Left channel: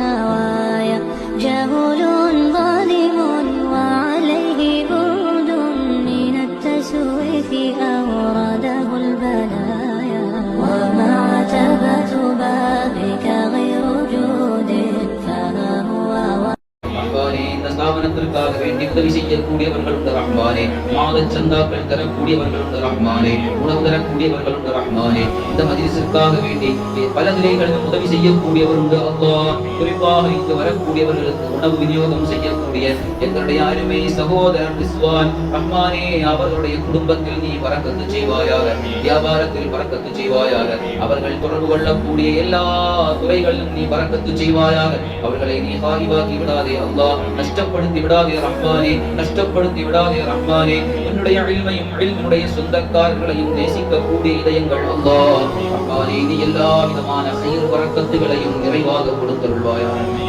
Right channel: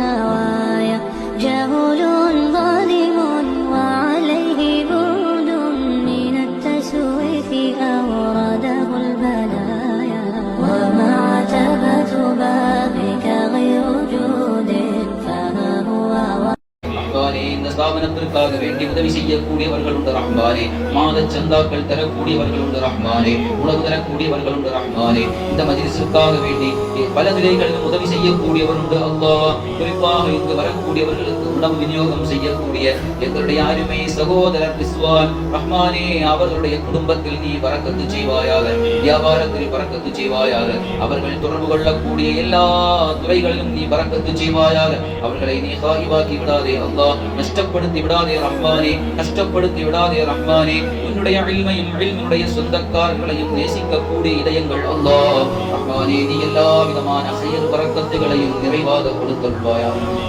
نوايا جهول ظالم وعليه بعد من التسويف أورده البلايا ومعتبة بابك غير جود فما هو இந்த ஸ்தாபனத்திற்காக வேண்டி உதவி செய்யக்கூடியவர்கள் உண்டு ரஹ்மானே. மாத சந்தாக்கள் தரக்கூடியவர்கள் உண்டு ரஹ்மானே. உணவு தரக்கூடியவர்கள் உண்டு ரஹ்மானே. இந்த மஜ்லிஸிற்காக வேண்டி பல நிலைகளிலும் உதவி செய்யக்கூடியவர் உண்டு அல்லாஹ். குறிப்பாக இங்கு வரக்கூடியவர்களுக்கு உணவு விநியோகம் செய்யக்கூடிய எங்களுடைய அருமை சகோதரர் ரிஸ்வான் ரஹ்மானே, அவர்களுடைய குடும்பத்தில் நீ பரக்கத்து செய்வாயாக, வியாபாரத்தில் பரக்கத்து செய்வாயாக, அவர்கள் தொடர்பு கொள்ளக்கூடிய எல்லா துறைகளிலும் நீ பரக்கத்து செய்வாயாக. அவர்களை நீ ஹாயிவாக்கி விடாதே அல்லாஹ், நஷ்டப்படுத்தி விடாதே ரஹ்மானே, நஷ்டப்படுத்தி விடாதே ரஹ்மானே. உன்னுடைய இல்மையும் இல்முடைய சொந்தக்காரர்களையும் நேசிக்கக்கூடிய இதயங்கள் அல்லாஹ் ரஹ்மானே, நீ எல்லா விதமான ஹைர் பரக்கத்துகளையும் நிறைவாக கொடுத்தருள்வாயாக.